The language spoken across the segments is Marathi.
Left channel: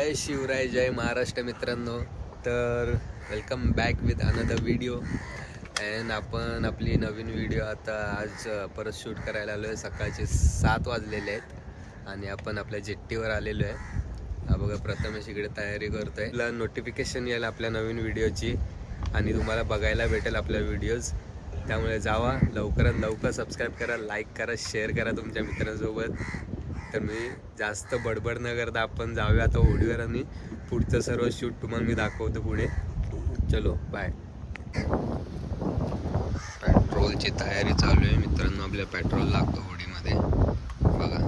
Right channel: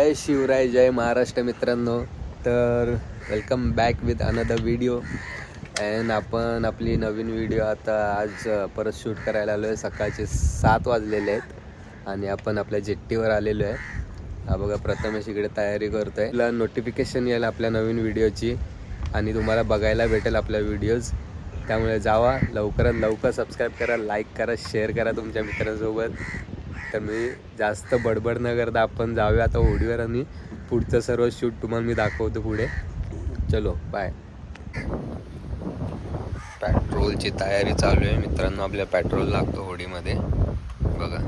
जय शिवराय, जय महाराष्ट्र मित्रांनो. तर welcome back with another video. And आपण आपली नवीन व्हिडिओ आता आज परत शूट करायला आलो आहे. सकाळचे 7 वाजलेले आहेत आणि आपण आपल्या जेट्टीवर आलेलो आहे. हा बघा, प्रथमेश इकडे तयारी करतो आहे. तुला नोटिफिकेशन येईल आपल्या नवीन व्हिडिओची आणि तुम्हाला बघायला भेटेल आपल्या व्हिडिओज. त्यामुळे जावा, लवकरात लवकर सबस्क्राईब करा, लाईक करा, शेअर करा तुमच्या मित्रांसोबत. तर मी जास्त बडबड न करता आपण जाऊया आता होडीवर आणि पुढचं सर्व शूट तुम्हाला मी दाखवतो पुढे. चलो बाय. पेट्रोलची तयारी चालू आहे मित्रांनो. आपल्या पेट्रोल लागतो होडीमध्ये बघा.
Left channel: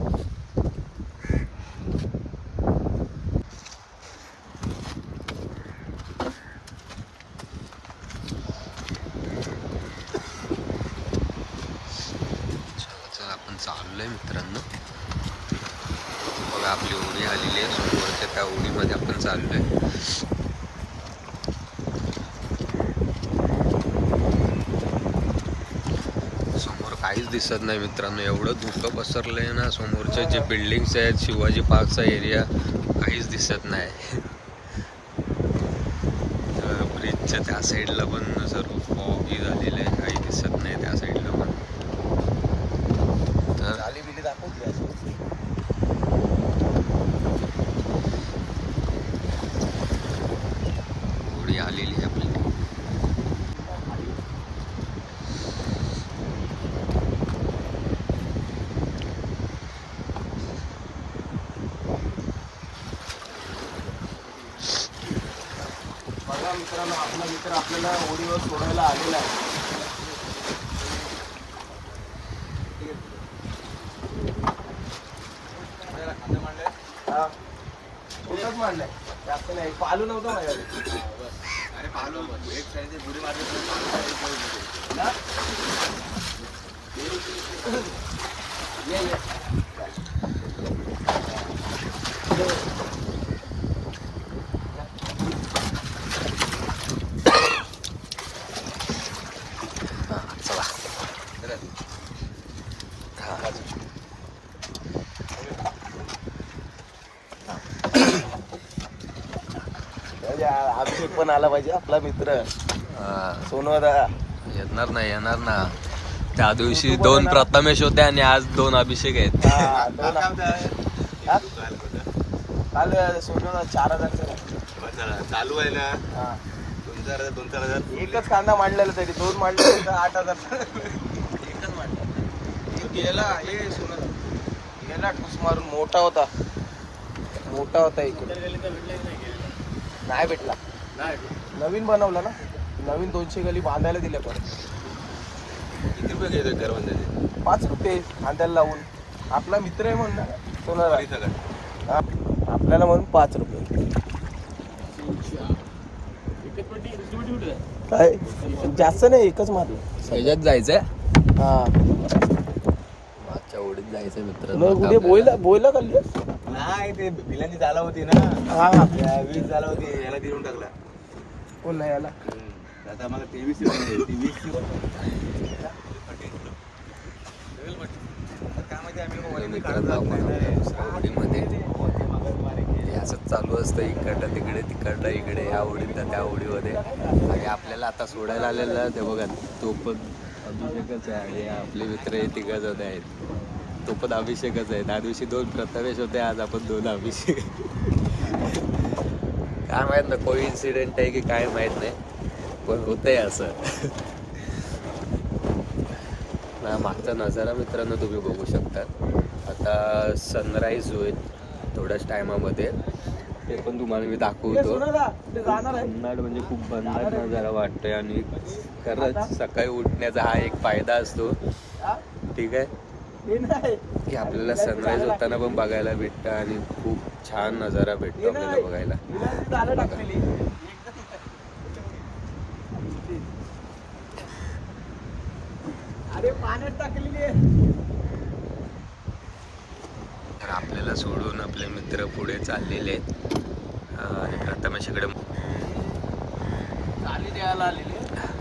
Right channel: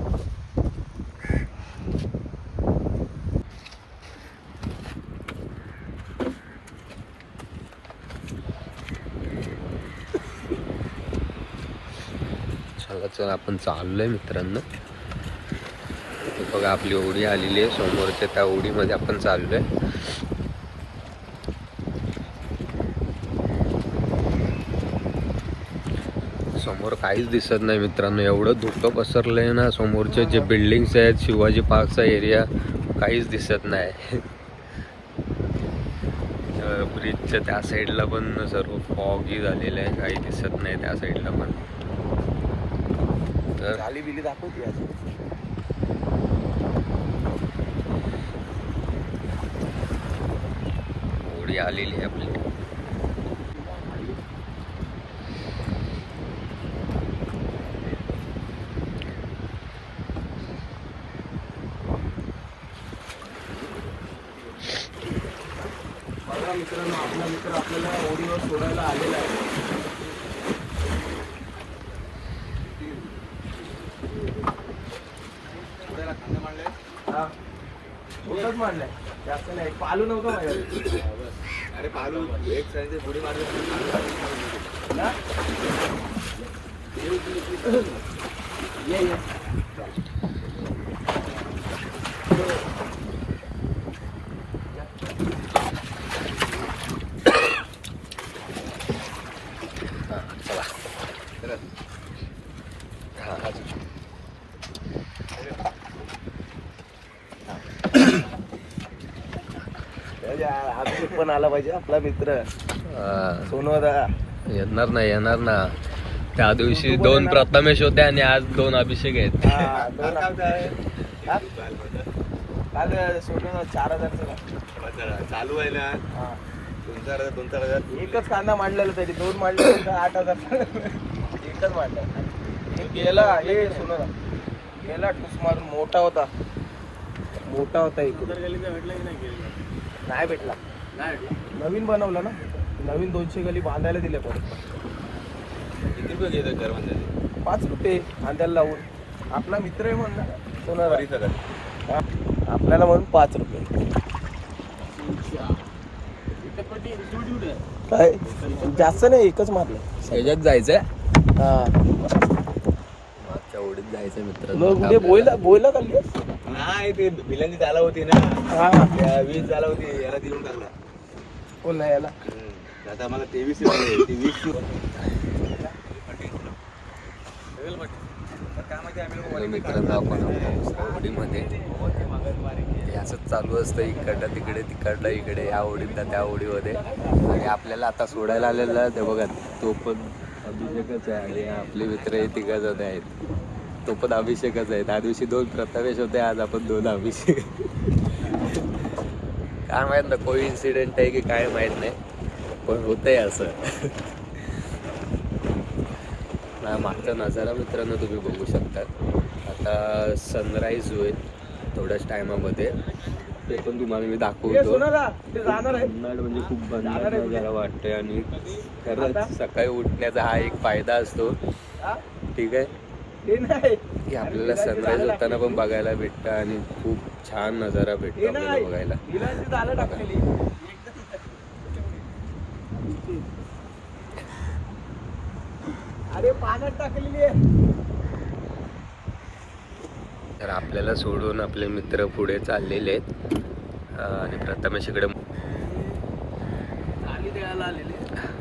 चला आपण चाललोय मित्रांनो. बघा आपली होडी आलेली आहे समोरच्या, त्या होडीमध्ये आपण चाललोय. समोर काहीच दिसत नाही मित्रांनो. एवढं धुकं पसरलंय ना. समोरचे जे बिल्डिंग्स आहेत, शिवाजी पार्कचा एरिया, काहीच दिसत नाही. ब्रिजच्या त्या साईडला पण सर्व फॉगी झालेलं आहे, काही दिसत नाही त्या साईडला पण. तर होडी आलेली आहे आपली. मित्रांनो, आपला मित्र आपल्याला होडीवर सोडायला आलेला आहे. कुठंच मांडलाय, जास्त नाही. पालू नव्हतं माझ्याकडे. अरे पालू एक साईडचे पुढे मारले चला. अभिषेक पण आला पाहिजे आपला मित्र सोनवदा. येणार ना. त्या दिवशी 2 प्रथमेश होते आणि आज 2 अभिषेक आहेत. काल सोनवदा 4,000 चालू आहे ना. 2,000 एकच कांदा मांडलेला तरी 2 मांडले तर 8,000. एकच मांडला. गेला हे सोनवदा गेला ठुस मारून. मोठा होता इकडे. नाही भेटला. नवीन बनवला ना. नवीन 200 गली बांधायला दिले परत. किती रुपये घेतात घर बांधायचे? 5 रुपये बांधायला लावून. आपला मित्र आहे म्हणून सोनवदा. आपल्याला म्हणून 5 रुपये. काय जास्त नाही, एकच मारलं. ह्याच्यात जायचंय. हा, मागच्या ओढीत जायचंय मित्र. बोयला खाल्ली नाही, ते बिलांची चाला होती ना. हा, त्या 20 चाला होती, याला देऊन टाकला. कोण नाही याला. आता आम्हाला 23 ती 20 मित्रांनो आपण आपल्या दुसऱ्या ओढीमध्ये. हे असंच चालू असतं, इकडलं तिकडे, तिकडलं इकडे, या ओढीतला त्या ओढीमध्ये. आणि आपल्याला आता सोडायला आलेला ते बघा, तो पण अभिषेकच आहे आणि आपले मित्र हे 3 जण आहेत. तो पण अभिषेकच आहे. त्या दिवशी 2 प्रथमेश होते, आज आपण 2 अभिषेक. काय माहित ना, कोइन्सिडेंट आहे की काय माहित नाही, पण होतंय असं. मागचा नजारा मित्रांनो तुम्ही बघू शकता. आता सनराईज होईल थोड्याच टायमामध्ये, ते पण तुम्हाला मी दाखवतो. भन्नाट म्हणजे खूप भन्नाट नजारा वाटतोय. आणि खरंच सकाळी उठण्याचा हा एक फायदा असतो, ठीक आहे, की आपल्याला सनराईज होताना पण बघायला भेटतं आणि खूप छान नजारा भेटतो आपल्याला बघायला. अरे पाण्यात टाकलेली. तर आपल्याला सोडून आपले मित्र पुढे चाललेले आहेत आणि प्रथमेश इकडे.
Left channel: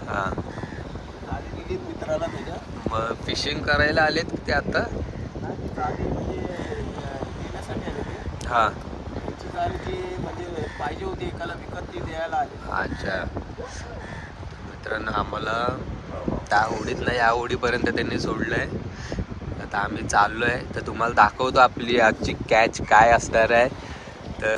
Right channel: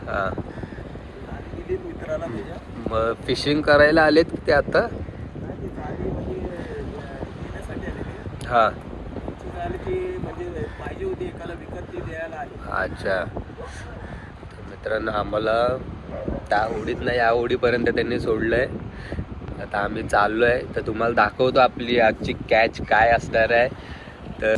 हा, मित्राला मग फिशिंग करायला आलेत ते आता. म्हणजे हा, म्हणाले की म्हणजे पाहिजे होती एकाला विकत ती द्यायला आली. अच्छा, तर मित्रांनो आम्हाला त्या ओढीत नाही या ओढीपर्यंत त्यांनी सोडलंय. आता आम्ही चाललोय, तर तुम्हाला दाखवतो आपली आजची कॅच काय असणार आहे. तर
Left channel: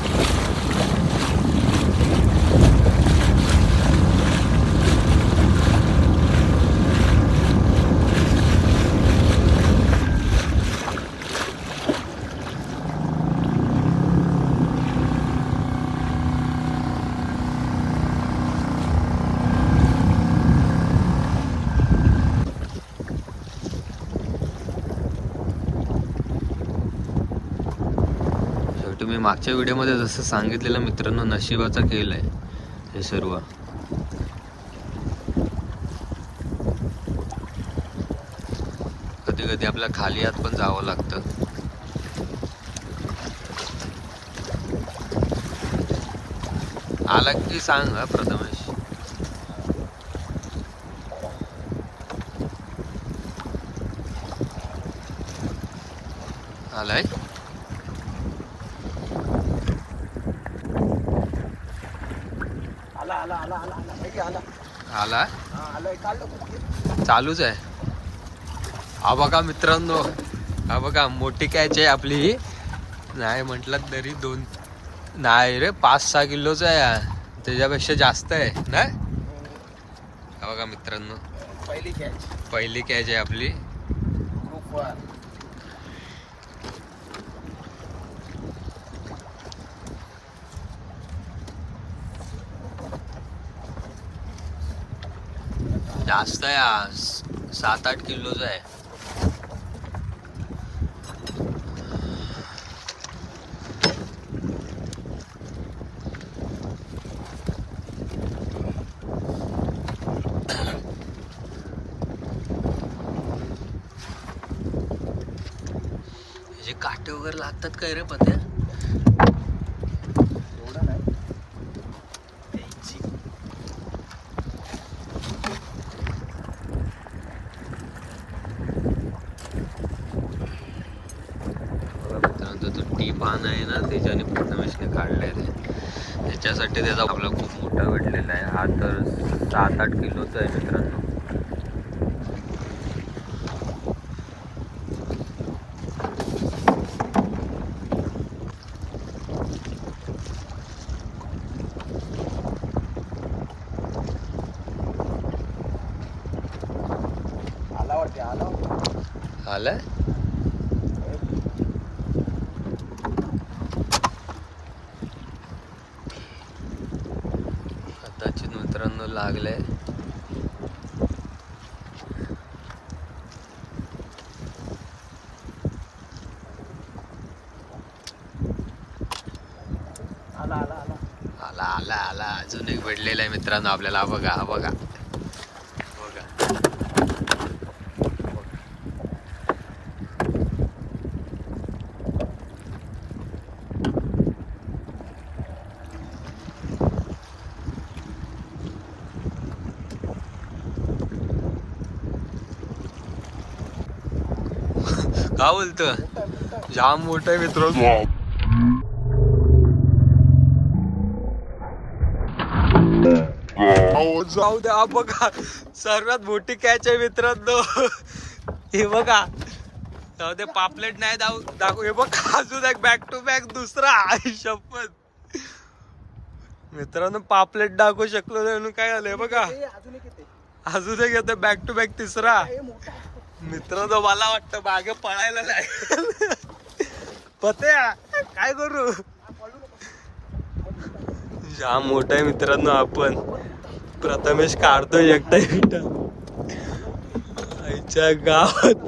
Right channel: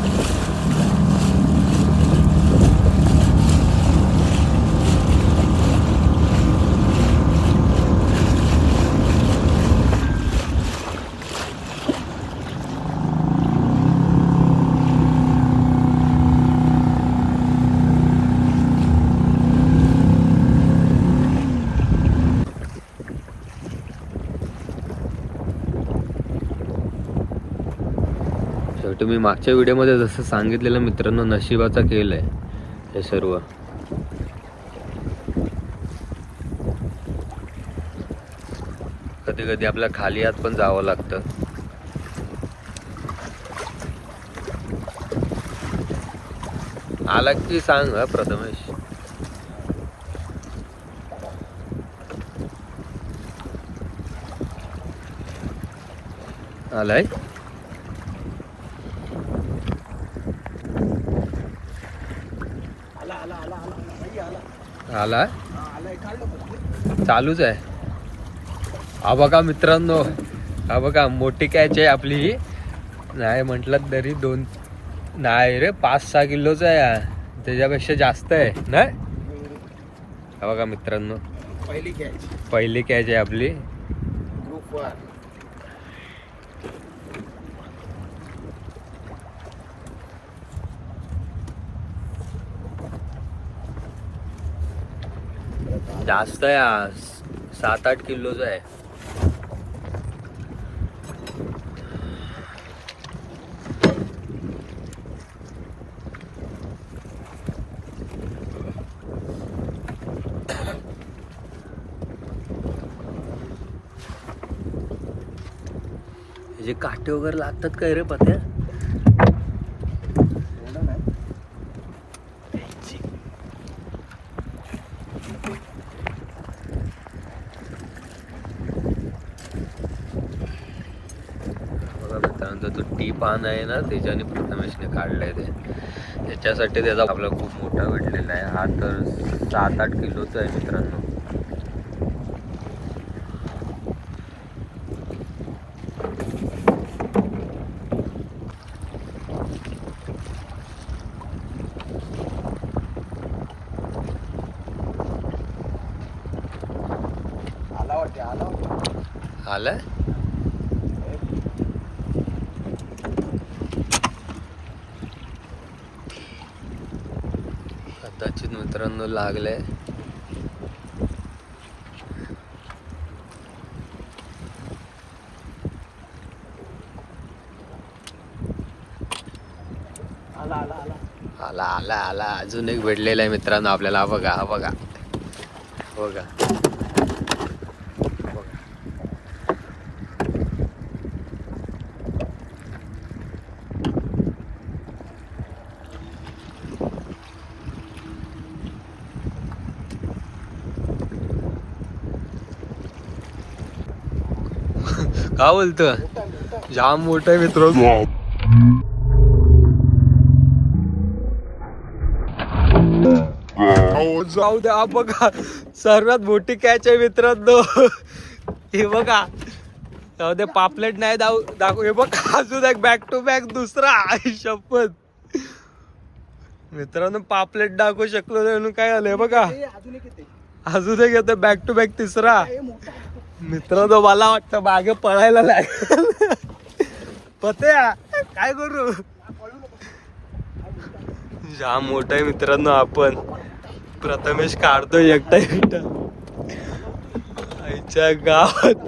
शेवटी मी मागच्या व्हिडिओमध्ये जसं सांगितलेलं मित्रांनो, नशिबाचा खेळ आहे हे सर्व. कधी कधी आपल्या खाली हात पण जावं लागतं. आला की सांग हा प्रथमेश. आलाय आला आला आला आला आला भाई आला. आला हा आलाय काढलं. चालूच आहे. हा बघा मित्रांनो, हा बघा मोठी कॅच आहे आपली ही. नाही म्हटलं तरी 2 नाही रे 5-6 किलोच आहे हा. त्याच्यापेक्षा जास्त आहे ना. हा बघा मित्रांनो, पहिली कॅच पहिली कॅच आहे आपली. ग्रुप 1. जास्त आहे हा, 7-8 किलोच आहे. जे काटे वगैरे लागतात काय रे पत्या. एवढं नाही. बघा मित्रांनो, तो टी पान आहे ना, त्याच्याने प्रथमेशने काढलाय ते. त्याच्यासाठी त्याचा आपला खूप मोठा घडलेला आहे. हा तर 7-8 किलोचा आहे मित्रांनो. आला वाटते आला. आलाय कदाचित मित्रांनो लागलंय. आला आला आला. आला आला आला अजून एक भेटलेला आहे मित्रांनो आपल्याला. हा बघा, हा बघा, बघा. का बोलतो, जाम मोठा आहे मित्र. जाऊ द्या. हा बघा सर्वात मोठी कॅच आहे मित्रांनो. हे बघा, जाऊ दे पापलेट नाही दाखवू. हे बघा अजून एक बॅक टू बॅक दुसरा. शपथ मित्रांनो, पापलेट दाखवू शकलो नाही म्हणून काय झालंय बघा. अजून एक येते. अजून एक येतो बॅक टू बॅक तिसरा. मित्रांनो मला वाटतं मागे पळायला लागेल. पत्या काय करू. जाम मोठा आहे मित्रांनो. आपण प्रथमेश काढतोय एकटा एकटा आईच्या गावात.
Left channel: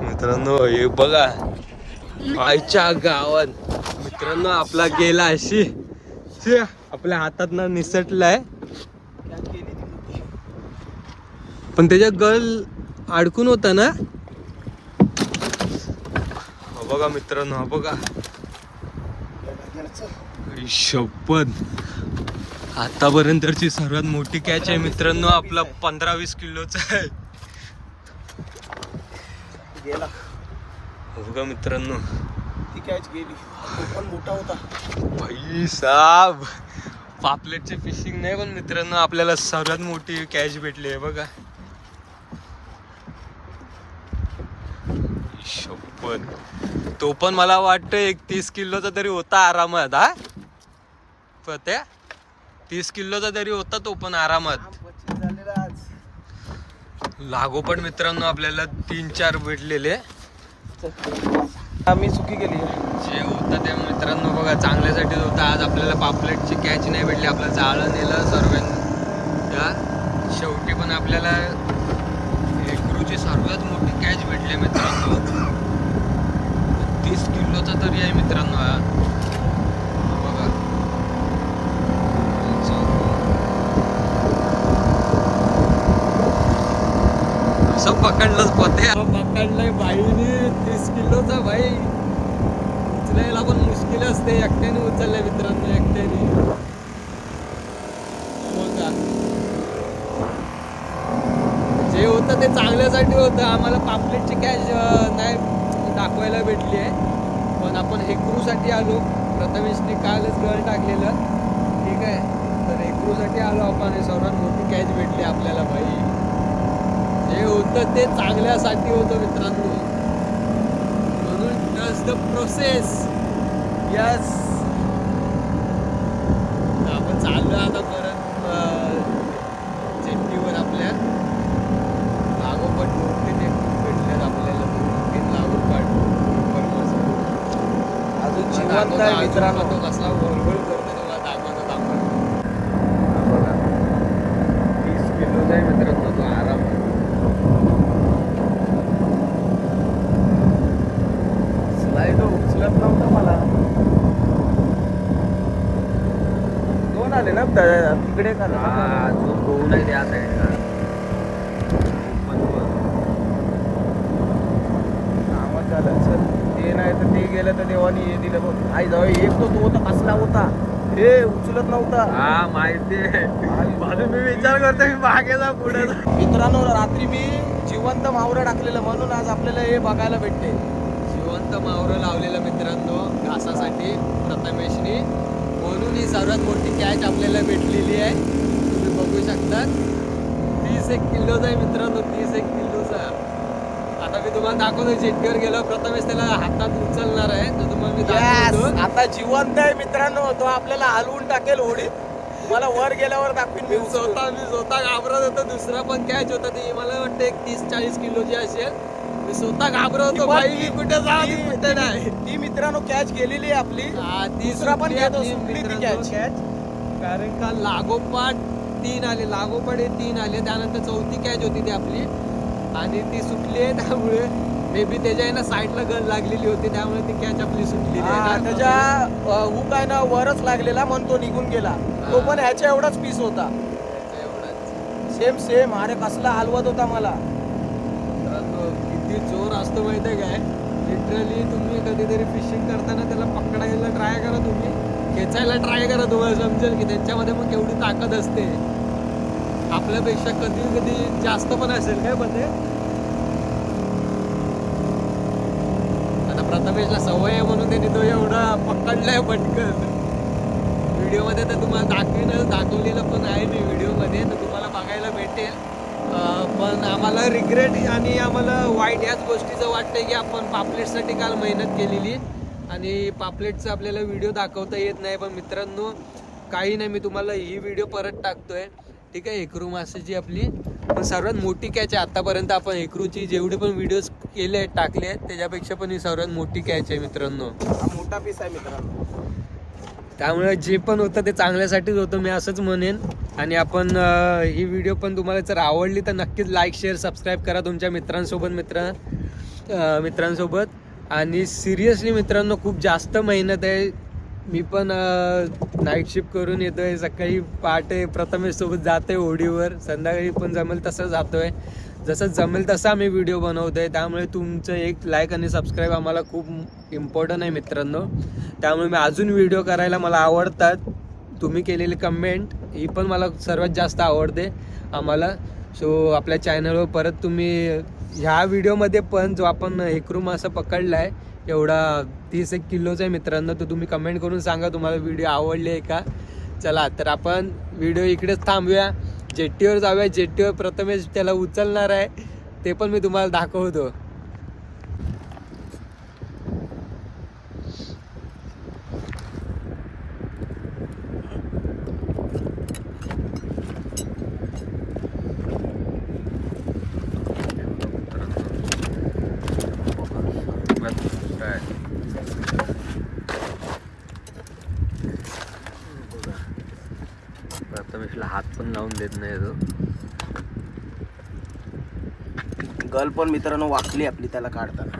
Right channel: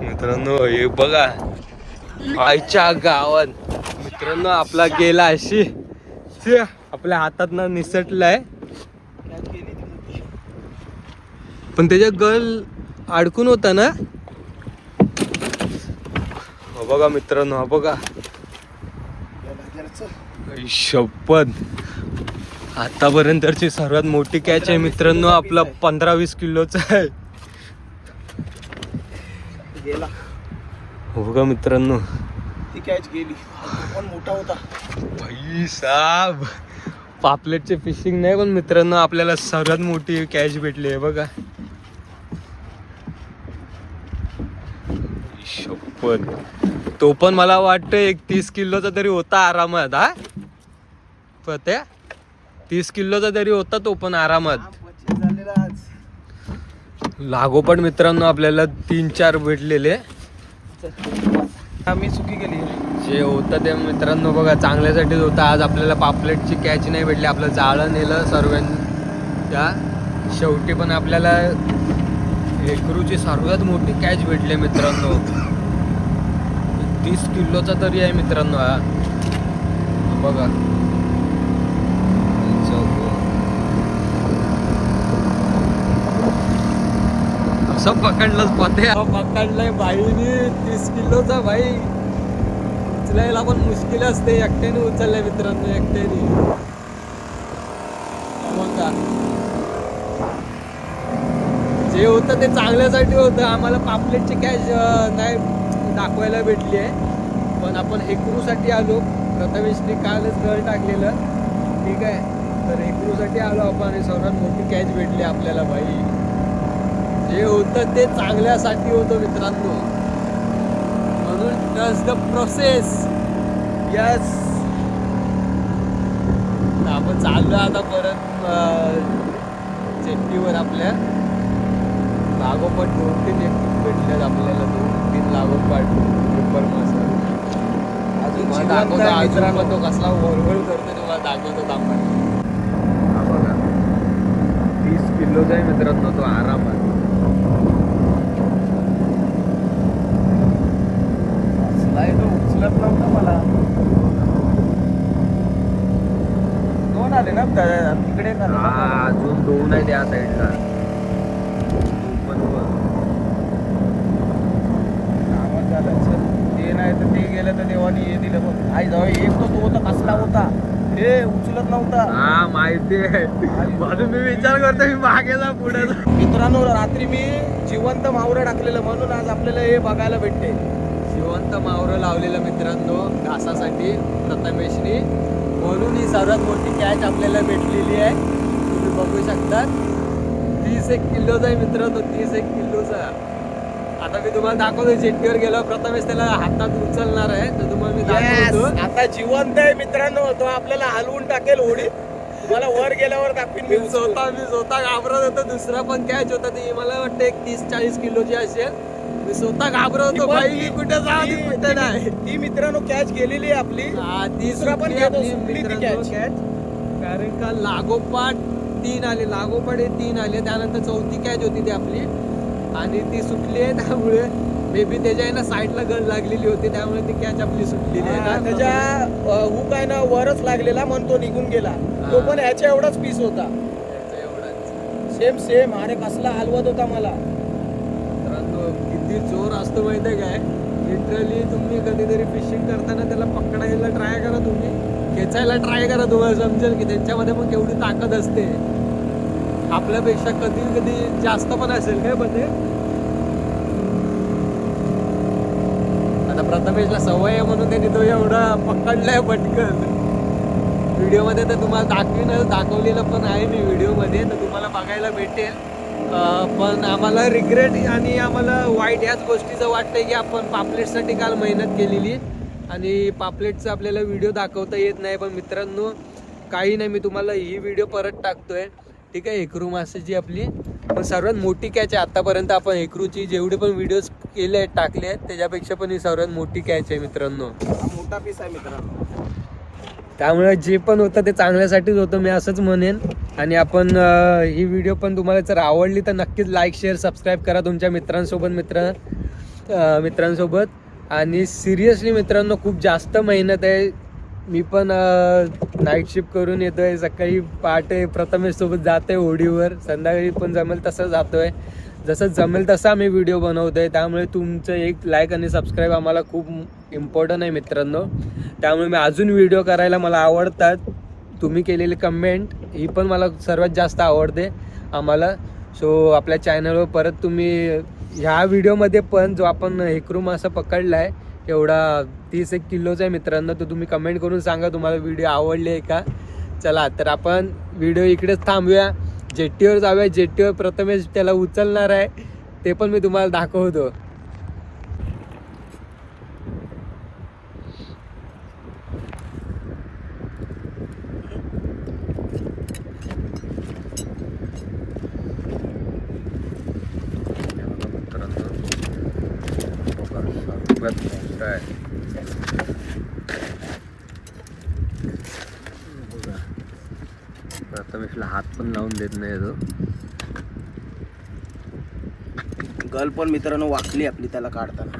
मित्रांनो हे बघा, आईच्या गावात मित्रांनो आपला गेला अशी आपल्या हातात ना निसटलाय. पण त्याच्या गळ अडकून होता ना. हा बघा मित्रांनो, हा बघा. शपथ आतापर्यंतची सर्वात मोठी कॅच आहे मित्रांनो. आपला 15-20 किलोचा आहे. गेला. हो बघा मित्रांनो, ती कॅच गेली. तो पण मोठा होता. भाई साब, पापलेटचे फिशिंग नाही पण मित्रांनो आपल्याला सर्वात मोठी कॅच भेटली आहे बघा. शप्पथ, तो पण मला वाटतं 31 किलोचा तरी होता आरामात. हा पत्या 30 किलोचा तरी होता तो पण आरामात. झालेला आज. लागोपाठ मित्रांनो आपल्याला 3-4 भेटलेले. आम्ही चुकी केली. जे होतं ते मित्रांनो बघा चांगल्यासाठीच होतं. आज आपल्याला पापलेटची कॅच नाही भेटली. आपलं जाळं नेलं सर्वांच्या. शेवटी पण आपल्याला हेकरूची सर्वात मोठी कॅच भेटली मित्रांनो. 30 किलोचा तरी आहे मित्रांनो हा बघा. असं पकडलंच पते. पकडलंय बाईनी 30 किलोचा. भाई उचलायला पण मुश्किल असते. एकट्याने उचललंय मित्रांनो, एकट्याने. बघा जे होतं ते चांगल्यासाठी होतं. आम्हाला पापलेटची कॅच नाही दाखवायला भेटली आहे पण आपण हेकरूसाठी आलो. प्रथमेशनी कालच गळ टाकलेलं. ठीक आहे, तर हेकरूसाठी आलो आपण. सर्वात मोठी कॅच भेटली आपल्याला. भाई जे होतं ते चांगल्यासाठी होतं मित्रांनो. म्हणून ट्रस्ट द प्रोसेस. यस, आपण चाललो आता परत जेट्टीवर. आपल्या लागोपाठ 2-3 भेटल्यात आपल्याला. 2-3 लागोपाठ ट्रिपल मासा. अजून दाखवतो. अजून तो कसला वळवळ करतो तुम्हाला दाखवतो. आपण हा बघा 30 किलोचा आहे मित्रांनो तो आरामात. दोन आले ना तिकडे. अजून 2 आहे त्या साईडला. ते नाही तर ते गेलं तर देवानी हे दिलं. आई जाऊ एक तो होता कसला होता हे उचलत नव्हता. हा माहिती आहे. म्हणून मी विचार करतो मी मागे जा पुढे जा. मित्रांनो रात्री मी जिवंत मावरं टाकलेलं म्हणून आज आपल्याला हे बघायला भेटते. जिवंत मावरं लावलेलं मित्रांनो घासासाठी प्रथमेशनी. म्हणून ही सर्वात मोठी कॅच आपल्याला भेटलेली आहे. तुम्ही बघू शकता 31 किलोचा आहे मित्रांनो. 31 किलोचा. आता मी तुम्हाला दाखवतो. जेट्टीवर गेलो प्रथमेश त्याला हातात उचलणार आहे तर तुम्हाला मी दाखवतो. आता जिवंत आहे मित्रांनो. तो आपल्याला हलवून टाकेल होडी. तुम्हाला वर गेल्यावर दाखवीन. मी स्वतः घाबरत होतो. दुसरा पण कॅच होता ती मला वाटतं 30-40 किलोची असेल. मी स्वतः घाबरत होतो. भाई मी कुठे जाऊ कुठे नाही. ती मित्रांनो कॅच गेलेली आहे आपली. ती सुटली आपली मित्रांनो कॅच. कारण का लागोपाठ 3 आले. लागोपाठ 3 आले. त्यानंतर 4थी कॅच होती ती आपली आणि ती सुटली आहे. त्यामुळे मे बी त्याच्या आहे ना साईडला गळ लागलेली होती. त्यामुळे ती कॅच आपली सुटलेली आहे ना. त्याच्या हुक आहे ना वरच लागलेला म्हणून तो निघून गेला. तो पण ह्याच्या एवढाच पीस होता. एवढाच सेम. अरे कसला हलवत होता मला. मित्रांनो किती जोर असतो माहिती आहे काय. लिटरली तुम्ही कधीतरी फिशिंग करताना त्याला पकडायला ट्राय करा. तुम्ही खेचायला ट्राय करा. तुम्हाला समजेल की त्यांच्यामध्ये मग केवढी ताकद असते. आपल्यापेक्षा कधी कधी जास्त पण असेल काय पण. आता प्रथमेशला सवय आहे म्हणून त्यांनी तो एवढा पकडलाय पटकन. व्हिडिओमध्ये तर तुम्हाला दाखवलेलं पण आहे मी व्हिडिओमध्ये. तर तुम्हाला बघायला भेटेल. पण आम्हाला रिग्रेट आणि आम्हाला वाईट याच गोष्टीचं वाटतंय की आपण पापलेटसाठी काल मेहनत केलेली आणि पापलेटचं आपल्याला व्हिडिओ दाखवता येत नाही. पण मित्रांनो काही नाही, मी तुम्हाला ही व्हिडिओ परत टाकतोय. ठीक आहे. हेकरू माशाची आपली पण सर्वात मोठी कॅच आहे आतापर्यंत. आपण हेकरूची जेवढे पण व्हिडिओज केले आहेत टाकले आहेत त्याच्यापेक्षा पण ही सर्वात मोठी कॅच आहे मित्रांनो. मोठा पीस आहे मित्रांनो. त्यामुळे जे पण होतं ते चांगल्यासाठीच होतं मी असंच म्हणेन. आणि आपण ही व्हिडिओ पण तुम्हाला जर आवडली तर नक्कीच लाईक शेअर सबस्क्राईब करा तुमच्या मित्रांसोबत. आणि सिरियसली मित्रांनो खूप जास्त मेहनत आहे. मी पण नाईट शिफ्ट करून येतोय. सकाळी पहाटे प्रथमेश सोबत जातोय होडीवर. संध्याकाळी पण जमेल तसं जातोय. जसं जमेल तसं आम्ही व्हिडिओ बनवतोय. त्यामुळे तुमचं एक लाईक आणि सबस्क्राईब आम्हाला खूप इम्पॉर्टंट आहे मित्रांनो. त्यामुळे मी अजून व्हिडिओ करायला मला आवडतात. तुम्ही केलेली कमेंट ही पण मला सर्वात जास्त आवडते आम्हाला. सो आपल्या चॅनलवर परत तुम्ही ह्या व्हिडिओमध्ये पण जो आपण हेकरू मासा पकडला आहे एवढा 30-1 किलोचा आहे मित्रांनो. तर तुम्ही कमेंट करून सांगा तुम्हाला व्हिडिओ आवडली आहे का. चला तर आपण व्हिडिओ इकडेच थांबूया, जेट्टीवर जाऊया. जेट्टीवर प्रथमेश त्याला उचलणार आहे, ते पण मी तुम्हाला दाखवतो. प्रथमेशला हात पण लावून देत नाही तो. गल पण मित्रांनो वाकली आपली त्याला काढताना.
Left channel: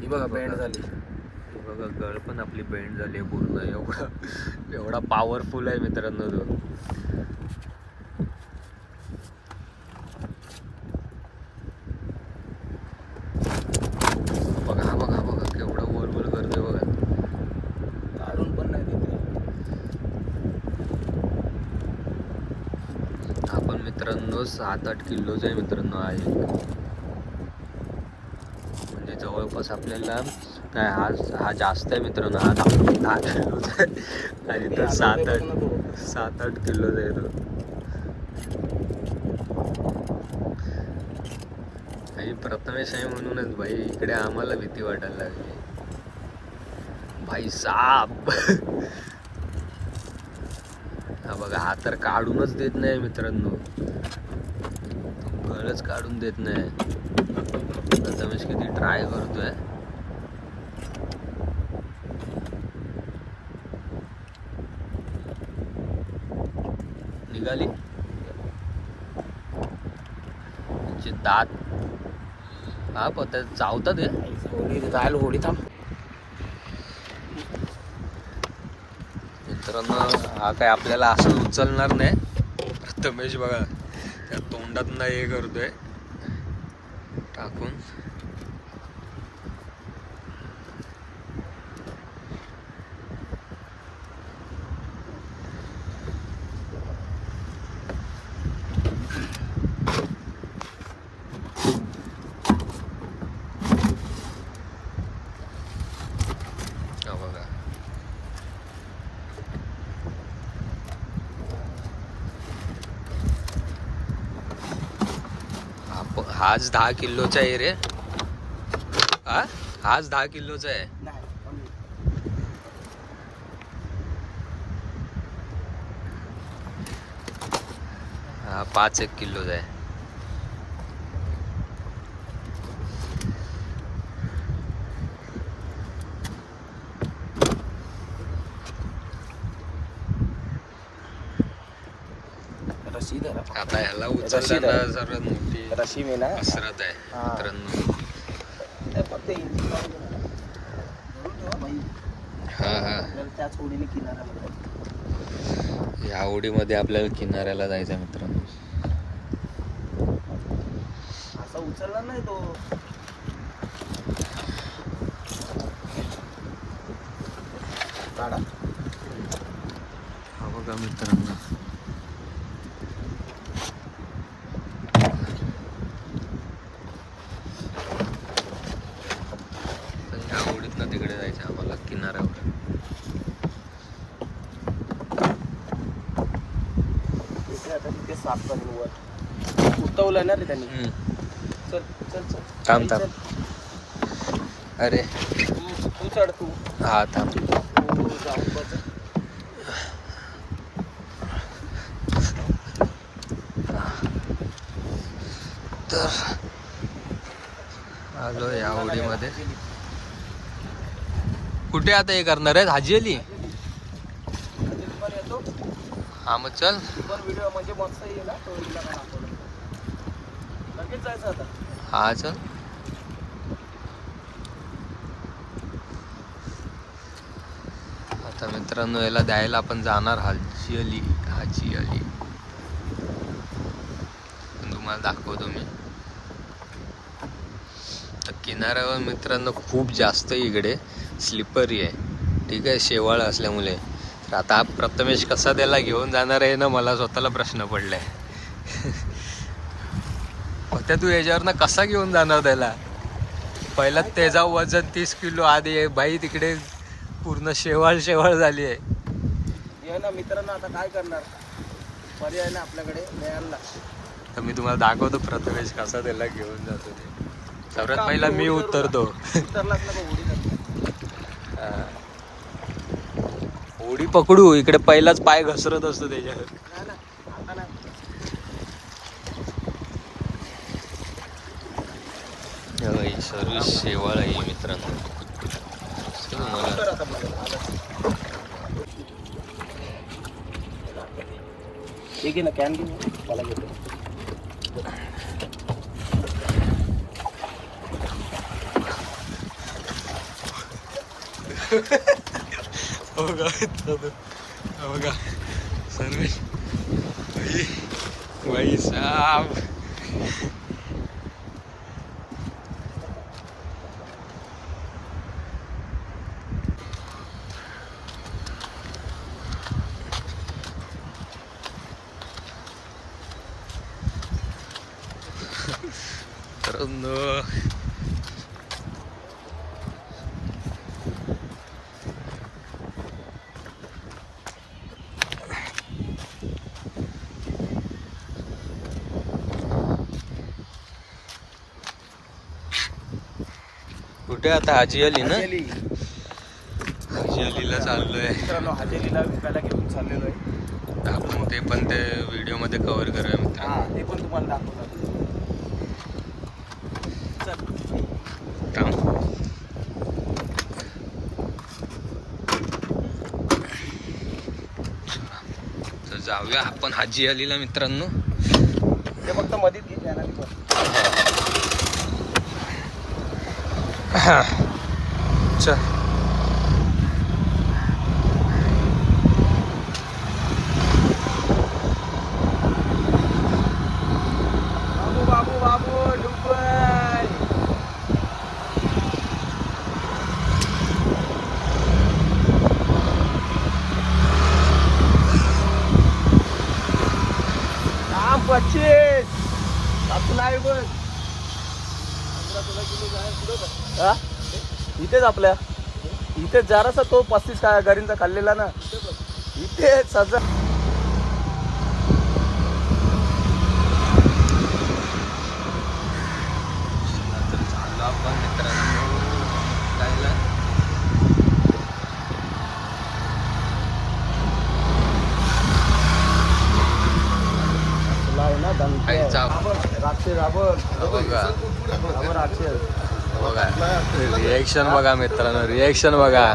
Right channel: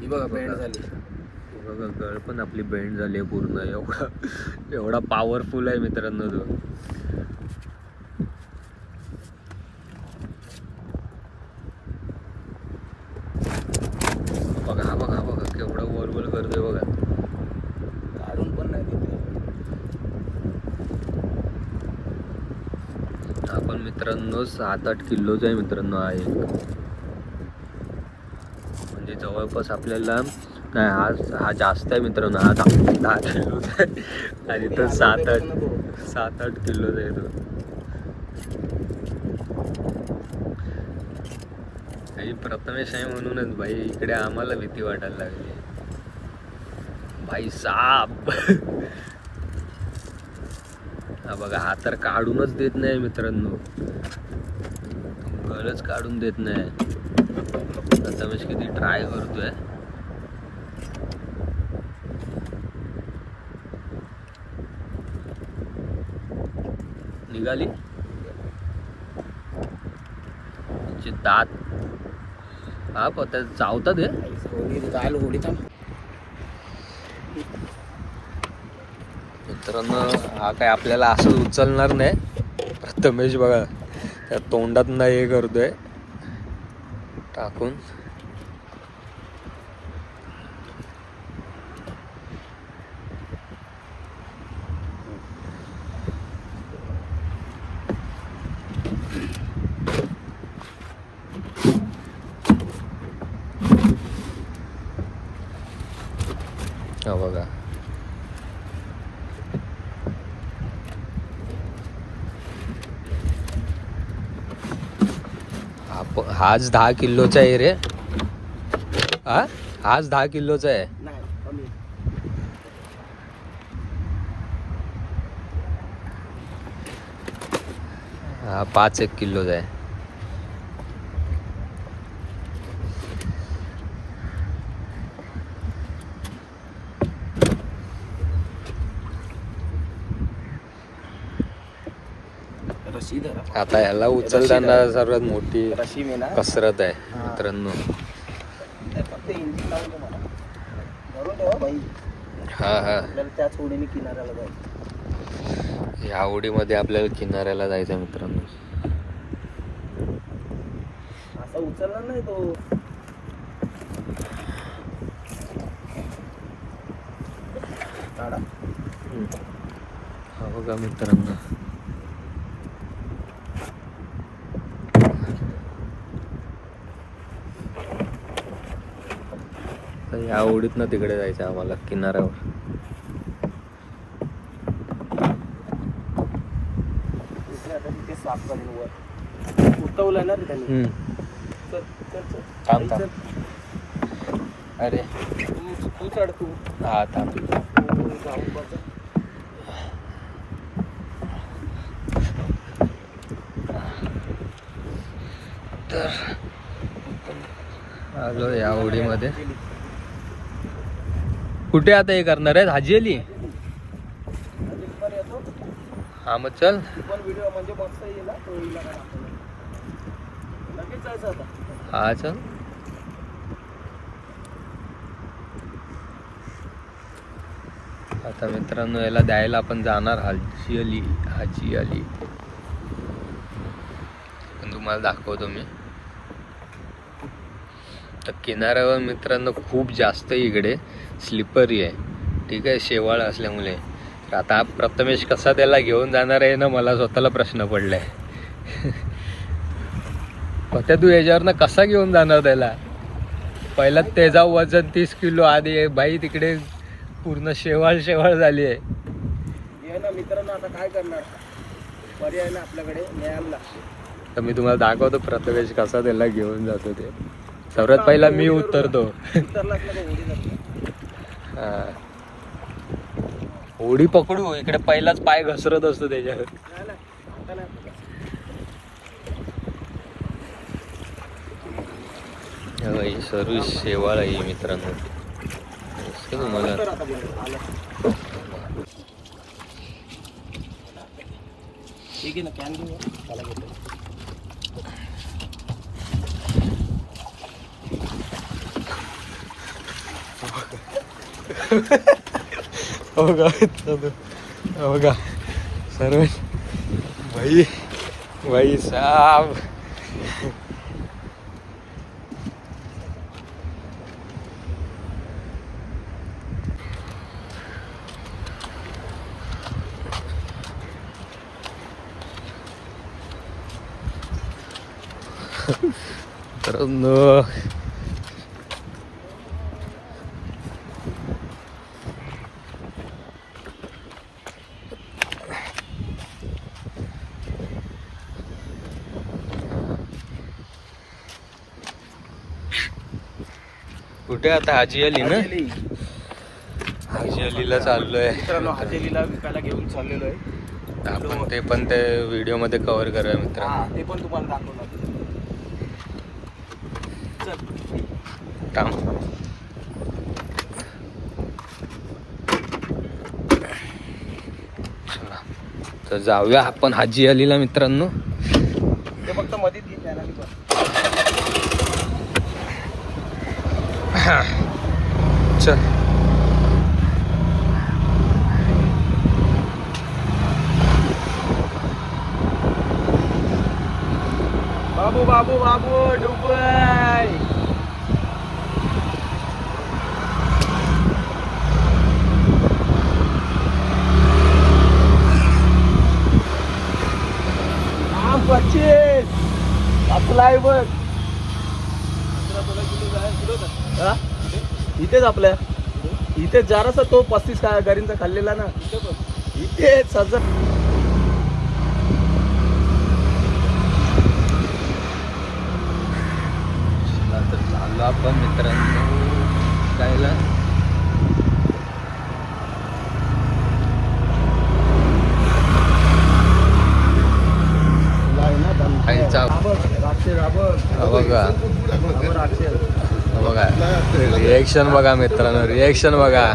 ही बघा बेंड झाली. बघा गळ पण आपली बेंड झाली आहे पूर्ण. एवढा पॉवरफुल आहे मित्रांनो तो. बघा बघा बघा केवढा गोल गोल करतोय बघा. काढून पण नाही देते. आपण मित्रांनो 7-8 किलोचा आहे मित्रांनो हा एक. म्हणजे जवळपास आपल्याला नाही, हा जास्त आहे मित्रांनो. हा 10 किलोचा आहे आणि तो 7-8 किलोचा आहे तो. आणि प्रथमेश आहे म्हणूनच भाई इकडे आम्हाला भीती वाटायला लागली. भाई साप. हा बघा हा तर काढूनच देत नाही मित्रांनो, गळच काढून देत नाही. प्रथमेश किती ट्राय करतोय. निघाली दात. हा पत्ता चावतात हे. होडी जायला होडी थांब. मित्रांनो हा काय आपल्याला असं उचलणार नाही. प्रथमेश बघा त्या तोंडात नाही हे करतोय टाकून. हा बघा हाच 10 किलोचा आहे रे. हाच 10 किलोचा आहे. नाही कमी. हा 5-1 किलोचा आहे. रशी धरा. आता याला उचलताना सर्वात मोठी रशी मी ना कसरत आहे मित्रांनो. फक्त इंजिन लावून दे मला. धरून ठेवा भाई. हा हा आपल्याला त्याच होडीने किनाऱ्याला जायचं. या होडीमध्ये आपल्याला किनाऱ्याला जायचं मित्रांनो. असा उचलणार नाही तो. काढा. हा बघा मित्रांनो तर या होडीतनं तिकडे जायचं आम्हाला किनाऱ्यावर. उठवलंय ना रे त्यांनी. चल चल चल. थांब थांब. अरे तू चढ तू. हा थांब. तर आलो या होडीमध्ये. कुठे आता हे करणार आहे हाजी अली. पण येतो. हा मग चल. पण व्हिडिओ म्हणजे मस्त येईल ना तो. हिला काय दाखवलं लगेच जायचं आता. हा चल. आता मित्रांनो याला द्यायला आपण जाणार हाजी अली. हाजी अली पण तुम्हाला दाखवतो मी. तर किनाऱ्यावर मित्रांनो खूप जास्त इकडे स्लिपरी आहे. ठीक आहे शेवाळ असल्यामुळे. तर आता प्रथमेश कसा त्याला घेऊन जाणार आहे ना मला स्वतःला प्रश्न पडलाय. होत्या तू याच्यावरनं कसा घेऊन जाणार त्याला. पहिला त्याचा वजन 30 किलो आधी आहे बाई, तिकडे पूर्ण शेवाळ झाली आहे. ये ना मित्रांनो, आता काय करणार, पर्याय ना आपल्याकडे, न्यायला लागते. तर मी तुम्हाला दाखवतो प्रथमेश कसा त्याला घेऊन जातो ते. सर्वात पहिला मी उतरतो. उतरलाच ना उडी जाते. हा. उडी पकडू, इकडे पहिलाच पाय घसरत असतो त्याच्यावर. नाही ना, आता नाही. सर्व शेवाळ आहे मित्रांनो. तुम्हाला ठीक आहे ना, कॅन घेऊ मला घेतो. बघा सर्व भाई साहब. मित्रांनो कुठे आता हाजी अली ना, हाजी अलीला चाललोय मित्रांनो. हाजेलीला विकायला घेऊन चाललेलो आहे. आपण. ते पण ते व्हिडिओ मध्ये कव्हर करूया मित्रांनो. हा, ते पण तुम्हाला दाखवणार. चल. थांब. चला. तर जाऊया आपण हाजी अलीला मित्रांनो. ते फक्त मध्ये हा चल. बाबू बाबू बाबू डुबय. आम 25 आपलाय बघ. हा? इथेच आपल्या इथेच जरासा तो 35 काय गाडींचा खाल्लेला ना, इथेच सजा. तर झालो आपण मित्रांनो जायला. बघा रिएक्शन बघा मित्रांनो, रिएक्शन बघा.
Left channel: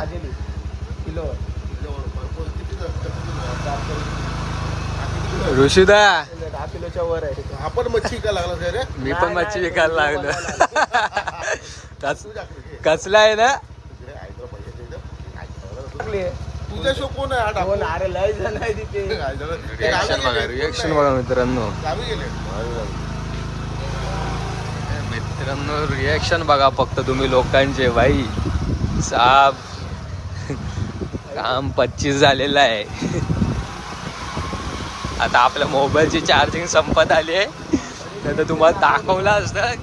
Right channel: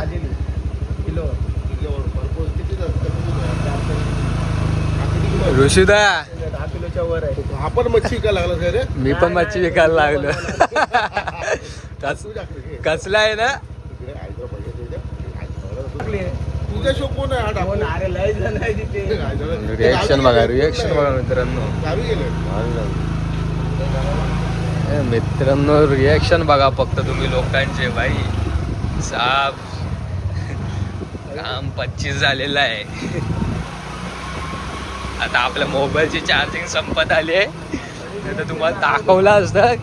ऋषिदा 10 किलोच्या वर आहे. आपण मच्छी का लागला काय रे? मी पण मच्छी विकायला लागलो. कसला आहे ना. तुझ्या शो कोण आहे? अरे लय जण आहे तिथे. रिएक्शन बघा, रिएक्शन बघा मित्रांनो. गावी गेले. मित्रांनो रिएक्शन बघा फक्त तुम्ही लोकांचे. भाई साब काम 25 झालेलं आहे. आता आपल्या मोबाईलची चार्जिंग संपत आली आहे, नाही तर तुम्हाला दाखवलं असतं.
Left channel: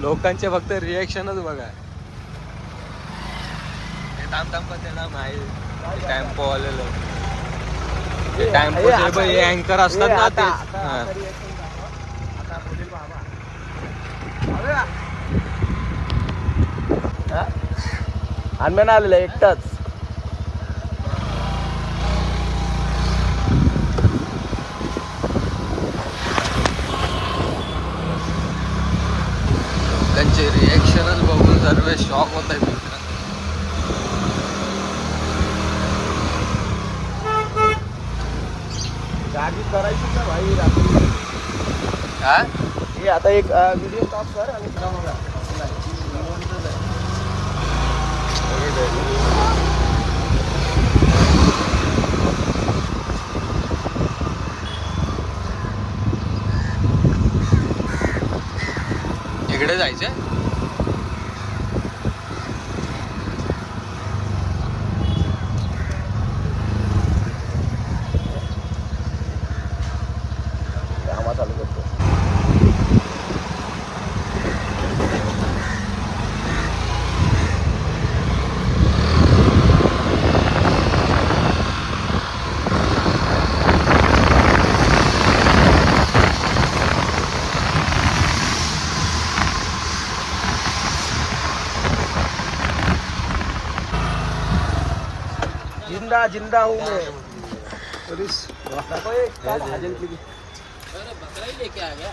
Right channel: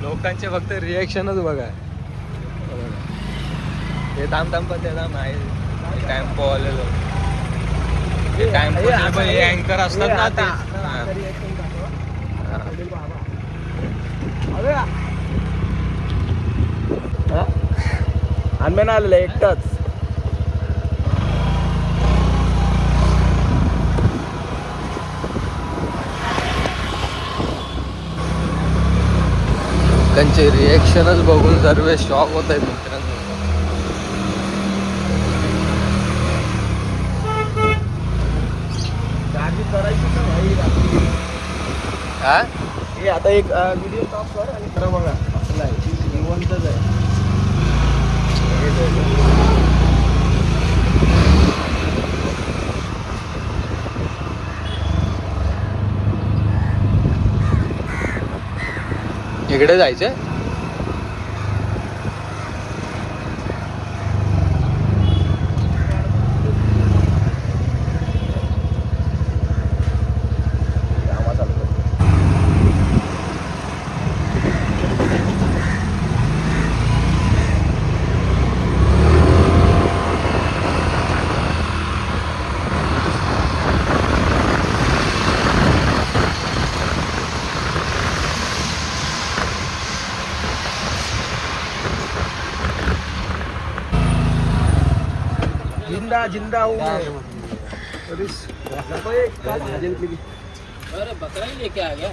लोकांचे फक्त रिएक्शनच बघा. हे थांब पण ते थांब आहे टॅम्पो आलेलो. टॅम्पो हे अँकर असतात ना ते. आम्ही आलेलं एकटाच. लोकांचे रिएक्शनच बघून सर्व शॉक होत आहेत मित्रांनो. गाडी करायची हा हे आता एक व्हिडिओ काप कर आणि खरं बघा आपला आहे निवंतच आहे. इकडे जायचं. मैं जिंदा हूँ अरे बकरा ही लेके आ गया।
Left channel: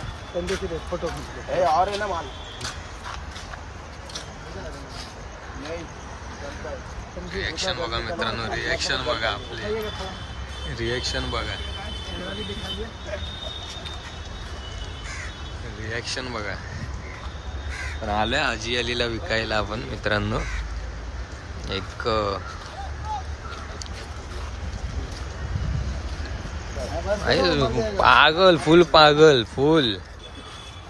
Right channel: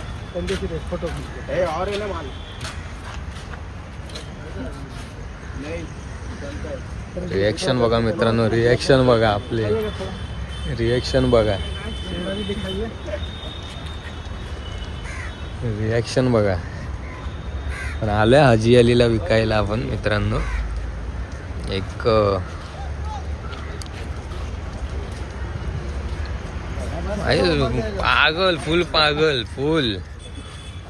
और है ना माल नहीं चलता है। रिएक्शन बघा मित्रांनो, रिएक्शन बघा आपले, रिएक्शन बघा, रिएक्शन बघा. आलोय हाजी अलीला विकायला आपण मित्रांनो. एक पागल, फुल पागल, फुल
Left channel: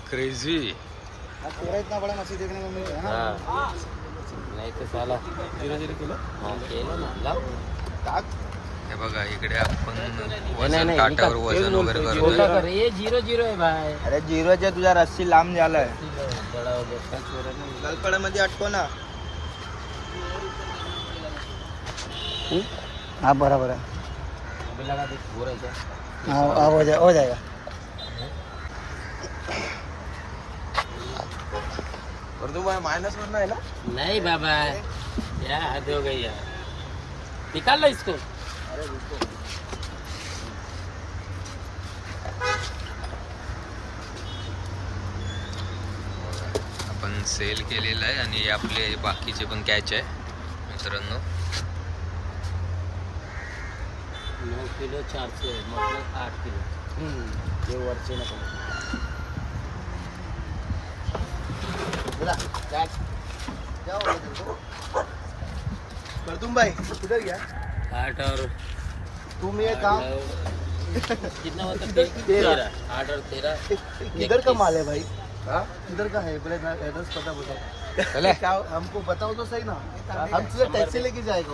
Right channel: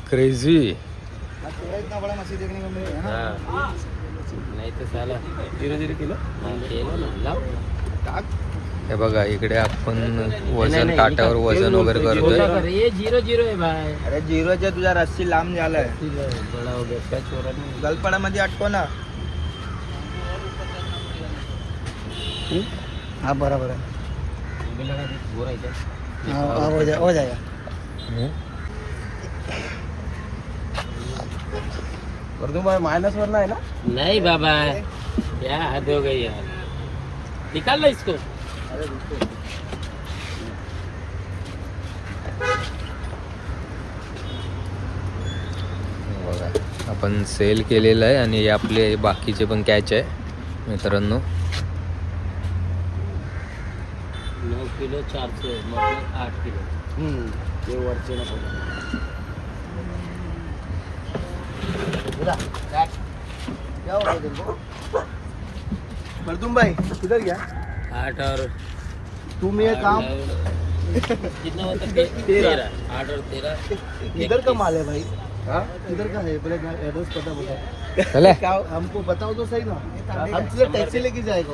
क्रेझी. इतना बड़ा मछली देखने को मिल रहा है नहीं तो साला धीरे धीरे किलो हे बघा इकडे आपण वजन काट्यावर वजन वगैरे करतोय. ये 0-0 है भाई. अरे झिरोच्या तुझ्या रस्सी लांब झालं बड़ा हो गया क्या चोरा नहीं. गलपडा मध्ये अटको ना हाँ बराबर है मुझे लगा देख हो रहा है क्या. हाँ हो जाएगा पर तुम माइनस वरना है ना. नहीं बाबा क्या हद हो गई यार. निकाल लो इसको. बघा आपण सेल केलेलं आहे आणि आपले बाकीचे पण कॅच आहे मित्रांनो. 9 किलो 400 मतलब 8 किलो. ये वरचे ना मर्दुम भाई किधर गया 8 और तुम ये काम कितना होता है 13. 8 और 13 इधर का माल है भाई. इधर का है पहले एड्रेस पता बताओ. हमको बताओ तो सही ना. हम तुझे टॅक्सी लेके जाएगा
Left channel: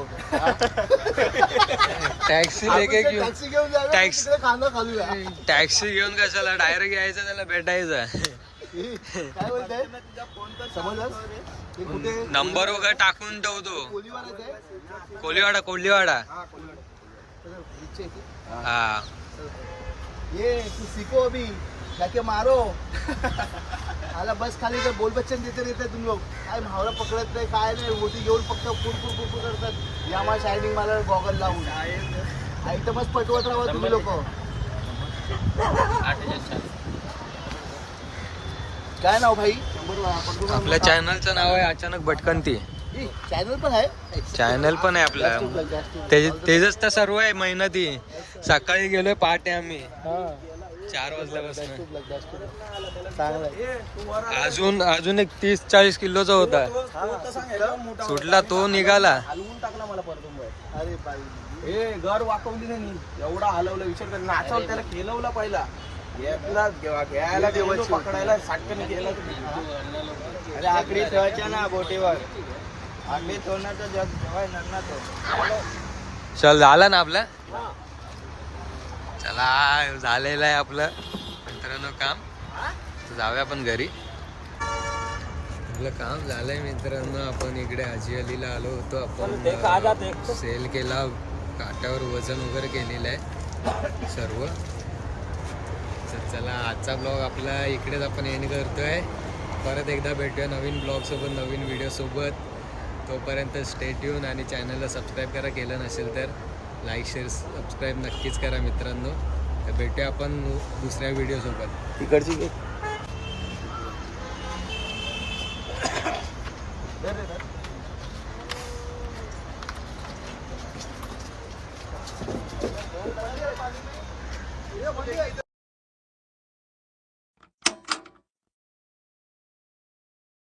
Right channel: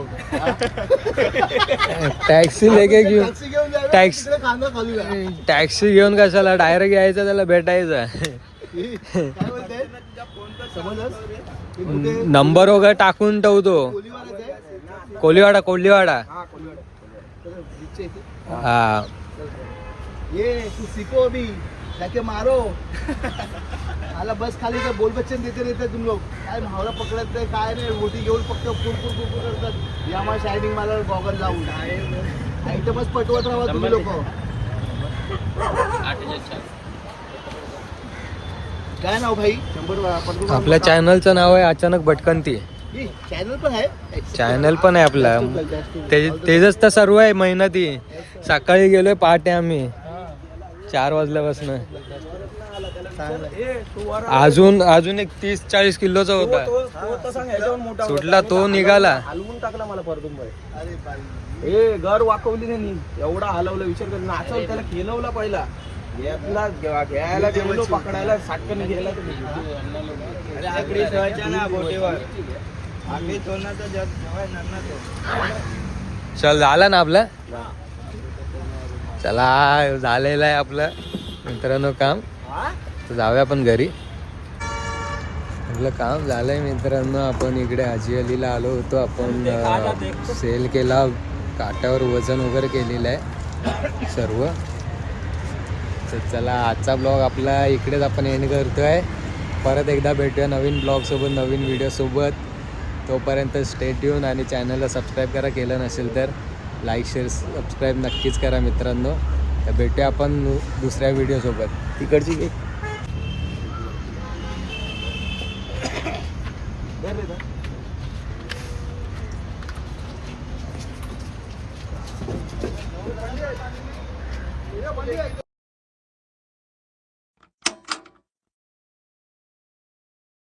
टॅक्सी लेके घेऊन, टॅक्सी घेऊन जाएगा टॅक्सी- तिकडे खाना खालूया. टॅक्सी घेऊन कशाला, डायरेक्ट यायचं त्याला भेटायचं. काय बोलताय समजलंस? हे कुठे नंबर वगैरे टाकून ठेवतो. कोलीवाड्यात आहे? कोलीवाडा, कोलीवाडा. हा कोलीवाडा. चलो, नीचे इथे. हा ये तू सीखो अभी जाके मारो. आला बस खाली काय बोल बच्चन देते रहते तुम लोग. काय भावला पकडत नाही काय नाही. रोटी घेऊन फक्त पुरपुर करतात. हे आम्हाला शायनिंग मला गॉगल लावून इथं बस पटवत राहा तुम्ही लोक. 8,400. काय नाव भाई 100 आपल्या चॅनलचं नाव आहे अचानक भटकंती. चॅनल पण आहे. चॅनल पण आहे आपला. तेजच तर सर्व आहे मेहनती. सकाळी गेलोय पहाटे आम्ही 4 वाजल्यापासून. अजून एक 30-40 किलोचा होता. सुटला तो निघाला. हलवून टाकला मला परतून. ए घर वाकवली नाही. एवढा हलवलं विचार कर. नाचवलं त्याला खेळवला पहिला. घ्यायला गेलो पकडायला साटकन गेला तुम्ही. अरे आकडी ठेवायच्या ना बोटीवर. आकडी ठेवणार चल झालं ना आपलं. चला झालेलं आहे आपलं मित्रांनो काम. तर जाऊया आपण घरी. आपलं काम झालंय मित्रांनो. आपण इकडे हाजी अलीला आलो होतो. आपण सेल केला, काट्यावर वजन वगैरे केलेलं आहे सर्व. तर चला आजचा ब्लॉग आपला इकडेच आपण एंड करतोय. परत एकदा भेटूया नवीन ब्लॉगसोबत, नवीन व्हिडिओसोबत. तोपर्यंत स्टे ट्यून आणि चॅनलला सबस्क्राईब करा केलं नसेल तर. लाईक शेअर सबस्क्राईब नक्कीच करा मित्रांनो. तर भेटूया आपण दुसऱ्या व्हिडिओसोबत. इकडची